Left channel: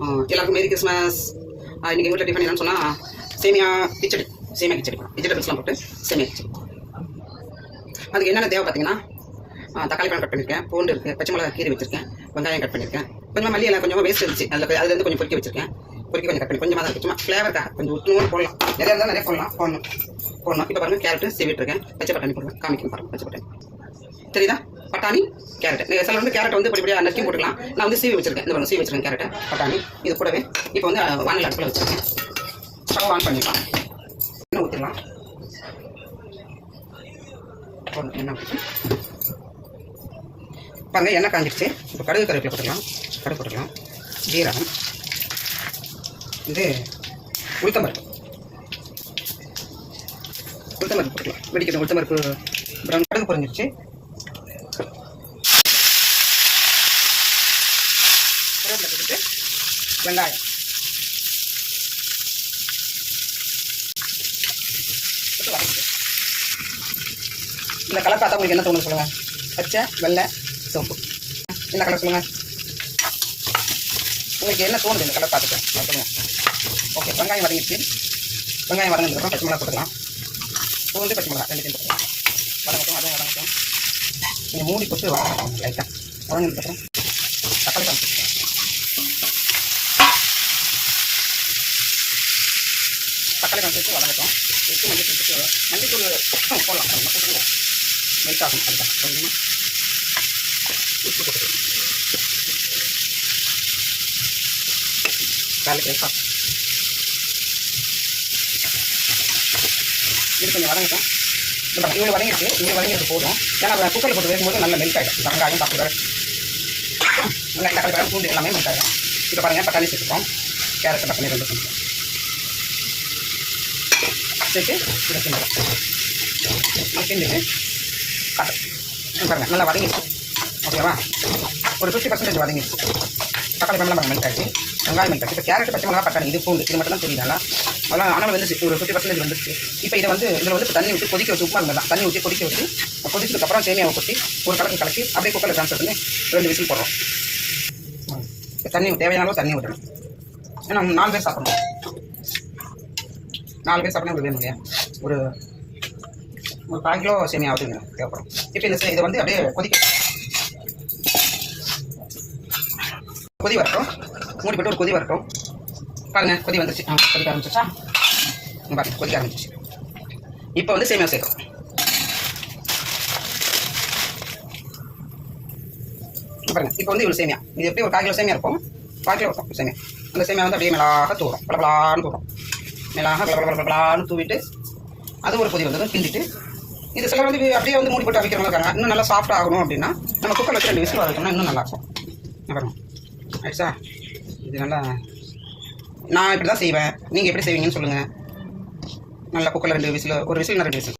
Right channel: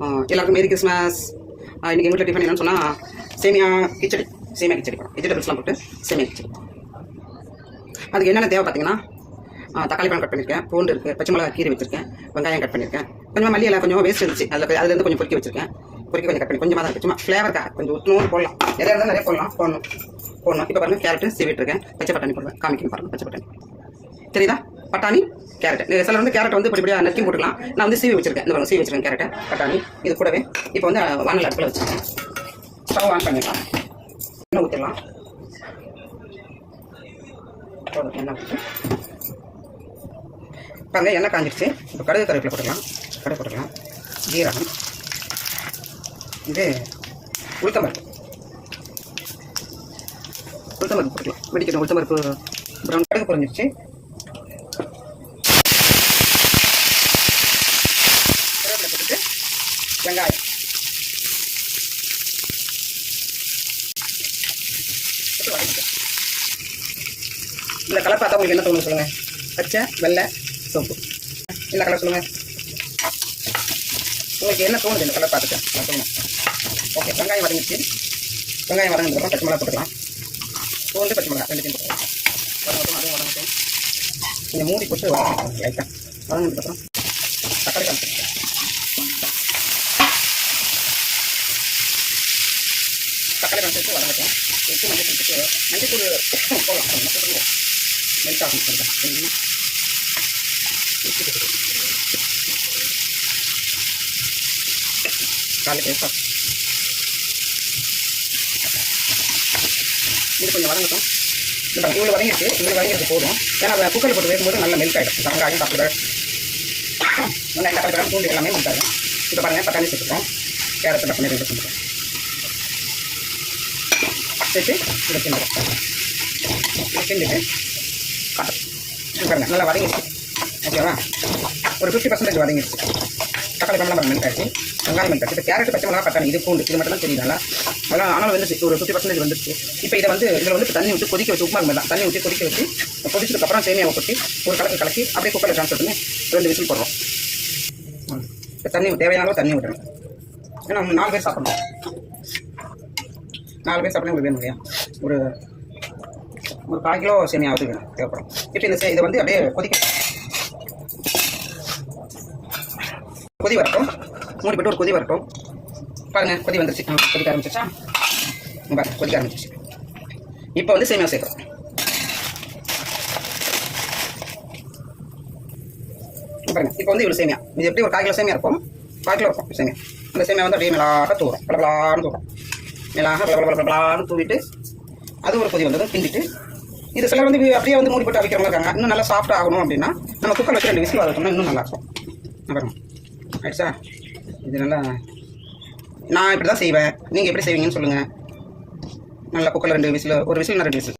எல்லாருக்கும் merry Christmas. இன்றைக்கி எங்கள் வீட்டில் டிஃபன் என்னன்னு சொன்னால் சேமியா கிச்சடி போடும். வெஜிடபிள்ஸ்லாம் போட்டு சேமியா கிச்சடி. அதுக்கு என்னென்ன தேவை பார்த்தீங்கன்னா, தக்காளி பழம் கட் பண்ணியிருக்கேன், பூண்டு இருக்குது, பச்சை மிளகா கீரை வச்சிருக்கேன், வெங்காயம் கட் பண்ணியிருக்கேன், கொஞ்சம் மல்லி எல்லாம் கொஞ்சம் வேஸ்ட் இருந்துச்சு, அதுலேருந்து கொஞ்சம் பொறுக்கி வச்சிருக்கேன். பொறுக்கி கொஞ்சம் கட் பண்ணி கொஞ்சமாக தான் இருக்குது, சும்மா ஃப்ளேவருக்காக கொஞ்சம் ஊற்றணும் போடலாம். எதாக இருந்தால் நிறைய போடணும். இப்போ பாருங்கள், கேரட்டு சீவிட்டுருக்கேன், பச்சை பட்டாணி போடுவேன், காமிக்கணும் பாருங்கள். பச்சை பட்டாணி தெரியுதா? பட்டாணி கேரட். சில வந்து கேரட் வந்து இப்படியா நறுக்கி போட்டுக்கலாம். நான் வந்து சீவி வச்சிருக்கேன். இந்த சீவி வச்சிருக்கேன் கேரட்டை, பட்டாணி. இது கூடவே இப்போ வந்து வானல் அடுப்பில் வச்சுருக்கேன். ஸ்டவ் ஆன் பண்ணிடலாம். எண்ணெய் ஊற்றிடலாம். எண்ணெய் ஊற்றி பாருங்கள், எண்ணெய் காஞ்சிடுச்சு. இப்போ கடுகு கருவேப்பிலை போட்டுக்கலாம். ஜீரகம், இது உளுத்தம்பருப்பு போட்டுக்கலாம். வெடிக்கணும். உளுத்தம்பருப்பு ப்ரௌன். கடுகு பொரிஞ்சிடுச்சு. போட்டுட்டு வெங்காயம், இந்த கலர் பார்த்தா உங்களுக்கு என்ன தோணும் சொல்லுங்கள்? பச்சை, வெள்ளை, சிவப்பு. இந்த கலர் சொல்லுங்கள், உங்களுக்கு என்ன தோணுது இந்த கலர் பார்த்துட்டு சொல்லுங்கள். ஓகே, வெங்காயம் வதங்கிடுச்சு. வெங்காயம் வதங்கினதுக்கப்புறம் பச்சை மிளகா போட்டுக்கலாம். பூண்டு, பச்சை மிளகா ரெண்டுத்தையும் போட்டுக்கலாம். வதங்கட்டும். நீங்கள் மூடி போட்டு வதங்கணும் லைட்டாக. வதங்கினதுக்கப்புறம் தக்காளி பழம் போட்டுக்கலாம். தக்காளி பழம் சேர்த்து வதங்கட்டும். சேர்த்து மஞ்சள் போடலாம். மெல்ட் ஆகும். அதுதான் கொஞ்சமாக உப்பு போட்டுக்கலாம். காலி பேசா இது கொஞ்சம் வதங்கட்டும். இவ்வளோ வதங்கிட்டு போதும். ஏன்னா குக்கரில் போட்டு வைக்கும்போது நல்லா மெல்ட் ஆகிடும். வெங்காயம் சாப்பிடுற வெங்காயம், தக்காளி பழம், பூண்டு எல்லாமே மெல்ட் ஆகிடும். இப்போ பாருங்கள், பட்டாணி சேர்த்துப்போம். கேரட் கட் பண்ணி 2 சேர்த்துப்போம். சேர்த்து இதை செஞ்சிடும். செஞ்சுட்டு காட்டும் பாருங்கள், நல்லா வதங்கிடுச்சு. ஓகேவா? ஒரு 50% வதங்கிடுச்சு. தக்காளி பழம் மெல்ட் ஆச்சு, வெங்காயம் மெல்ட் ஆச்சு. இப்போ கேரட், பச்சை மிளகா, பட்டாணி, இது பூண்டு, இது மட்டும் தான் தெரியுதால. அதெல்லாம் ஆனால் வந்துச்சு. ஒரு 50% வந்துச்சு. இப்போ இதில் வந்து இப்போ தண்ணி ஊற்றி கொதிக்க வச்சு, உப்புமா தான் தண்ணி ஊற்றி கொதிக்க வச்சு, கொதிச்சதுக்கப்புறம் சேமியாவை கொட்டி ஒரு கலக்கி அப்படியே குக்கரில் ட்ரான்ஸ்ஃபர் பண்ணி 2 விசில் போடுறோம். இப்போ தண்ணி தேவையான தண்ணி விடணும். ஏன்னா 4 பேர் சாப்பிடணும். 4 பேர் சாப்பிடணும். உங்களுக்கு வேணும் இல்லையா? ஒரு 1/4 கிலோ சேமியாவது வேணும், தேவைப்படும். இப்போ இதை வந்து அப்படியே கொதி வரட்டும். மூடி போட்டு ஒரு கொதி வரட்டும். பாருங்கள், கொதி வந்துருச்சு. கொதிக்க ஆரம்பிச்சிச்சா? பாருங்கள், கொதிக்க ஆரம்பிச்சிச்சு. இப்போ வந்து சேமியா சேர்க்கும். பாருங்கள், இப்போ வந்து இவ்வளோ சேமியா. இது எப்படி ஒரு 1/4 கிலோ சேமியா இருக்கும். 1/4 கிலோ இருக்கும் சேமியா. அந்த சேமியா வந்து அப்படியே மிளகாக தூரும். பளபளான்னு தூரும். பளபளான்னு தூவிட்டு அது ஒரு கொதி வந்ததும் கிண்டிட்டு, இது சிலர் வந்து அப்படியே வந்து மூடி போட்டு அவிக்கிறவங்க இருக்காங்க. இன்னும் நல்லா சாஃப்ட் ஆகணும் அப்படின்னா நம்ம குக்கரில் வச்சு 2 விசில் வதக்கணும்னா இன்னும் நல்லாயிருக்கும். பாருங்க, ஆயிடுச்சா? இது நல்லா நான் இப்படி தான் செய்வேன். நீங்கள் எப்படி செய்வீங்கன்னு சொல்லுங்கள். நல்லா குக்கரில் 2 விசில், ஒரு விசில் 2 விசில்